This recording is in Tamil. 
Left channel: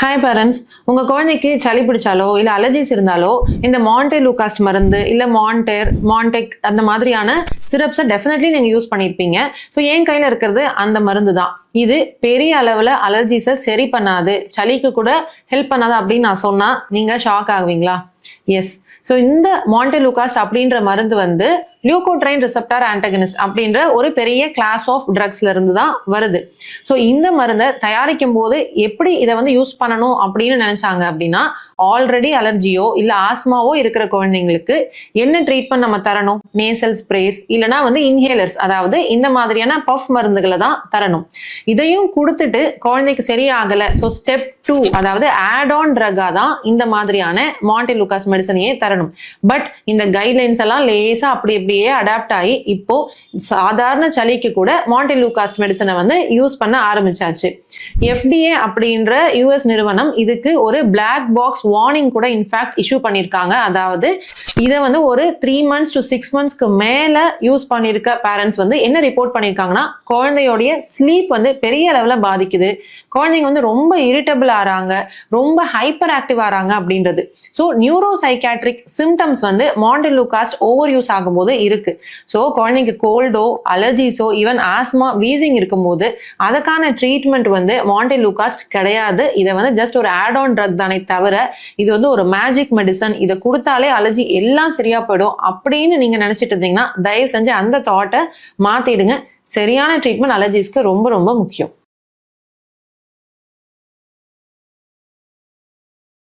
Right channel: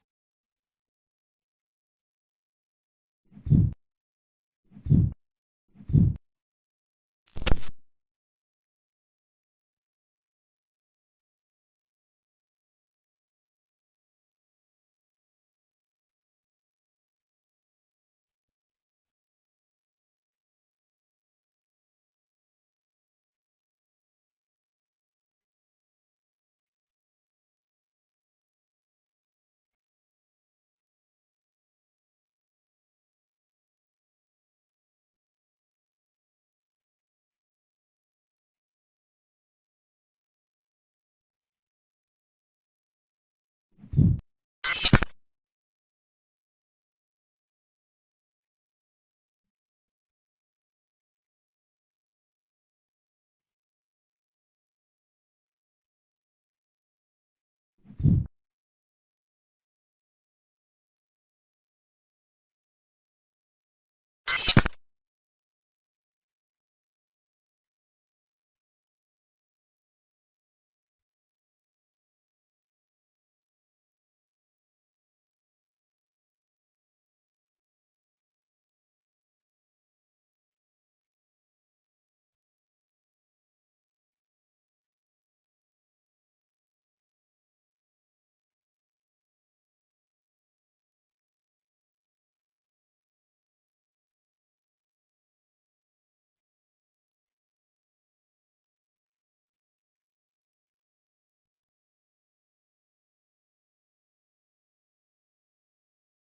ஹாய் பேரண்ட்ஸ், உங்க குழந்தைக்கு சளி பிடிச்சாலோ இல்ல அலர்ஜிஸ் இருந்தாலோ இந்த மான்டே லூகாஸ்ட் மருந்து இல்ல மான்டேர் மான்டெக் அந்த மாதிரியான சிரப்ஸை டெஃபினெட்லி நீங்க யூஸ் பண்ணியிருப்பீங்க. ஸோ என் கையில இருக்கிறது அந்த மருந்து தான். இது பெரிய அளவுல அலர்ஜிஸை சரி பண்ணாது, சளிக்கு கூட ஹெல்ப் பண்ணாது அப்படின்னு நான் சொன்னா நீங்க ஷாக் ஆகுவீங்களா? எஸ். ஸோ இந்த மான்டே லூகாஸ்ட் அப்படின்ற மருந்து வந்து லியூகோட்ரைன் ரிசெப்டார் ஆன்டகனிஸ்ட் அப்படின்ற ஒரு பெரிய கிளாஸ் ஆஃப் ட்ரக்ஸ்ல இருந்து தான் வருது. ஸோ இந்த மருந்தை தயாரிக்கும் போது எப்படி இதை வந்து யூஸ் பண்ணணும் அப்படின்னு நினைச்சாங்க அப்படின்னா, ஆல்ரெடி அலர்ஜியோ இல்ல ஆஸ்மாவோ இருக்கிற குழந்தைங்களுக்கு என்ன ட்ரீட்மெண்ட் நம்ம தரணும், நேசல் ஸ்ப்ரேஸ் இல்லைன்னா வந்து இன்ஹேலர்ஸ், அதாவது இந்த மாதிரியான பஃப் மருந்துகளை தான் தரணும். இதையும் கொடுத்துட்டு குழந்தைக்கு சரியாகல, ஸோ ஸ்டெப் 2 அதாவது ஆட் ஆன் ட்ரக்கா தான் இந்த மாதிரியான மான்டே லூகாஸ் மெடிசனையே தரணும். பட் இந்த கைட்லைன்ஸ் எல்லாம் லேசா அப்படி இப்படியே அடாப்ட் ஆகி இப்போ சாதாரண சளிக்கு கூட மான்டே லூகாஸ்ட் மெடிசனை வந்து யூஸ் பண்ண ஆரம்பிச்சாச்சு. FDA அப்படின்ற யூஎஸ் நிறுவனம் இதுக்கு ஒரு பிளாக் பாக்ஸ் வார்னிங் கூட இன்ஃபேக்ட் இஷ்யூ பண்ணியிருக்காங்க. அதாவது இதை வந்து ஒரு 3 months to 6 monthsக்கு மேல யூஸ் பண்ணியிருக்க பேரண்ட்ஸ் வந்து என்ன ரிப்போர்ட் பண்ணியிருக்காங்கன்னா, குழந்தையோடைய ஸ்லீப் வந்து பெரிய அளவில் பாதிக்குது, குழந்தைங்க வந்து ரொம்ப இரிட்டபிள் ஆறாங்க, ரொம்ப ஹைப்பர் ஆக்டிவ் ஆறாங்க அப்படின்றது. ஸோ நியூரோ சைக்காட்ரிக் சிம்டம்ஸ் வந்து மான்டே லூகாஸ்ட் ஓவர் யூஸ் ஆகும்போது இருக்கு. ஸோ குழந்தைங்க கோல்டோ அலர்ஜிஸோ ஈவன் ஆஸ்மா வீசிங் இருக்கும்போது அதுக்கான ட்ரீட்மெண்ட் வந்து மான்டே லூகாஸ்ட் கிடையாது. இதை வந்து ஜஸ்ட் ஒரு ஆட் ஆன் ட்ரக் தானே தவிர இது வந்து ஒரு மேஜிக் மெடிசன், இதை கொடுத்தாலே அலர்ஜி எல்லாம் சரியா போயிடும் அப்படின்னு நீங்க நினைச்சிட்டு இருந்தீங்கன்னா தயவு செஞ்சு அந்த தாட்டை மாத்திடுங்க. சரியான ட்ரீட்மெண்ட் அலர்ஜிஸ்க்கு ரொம்ப ரொம்ப முக்கியம்.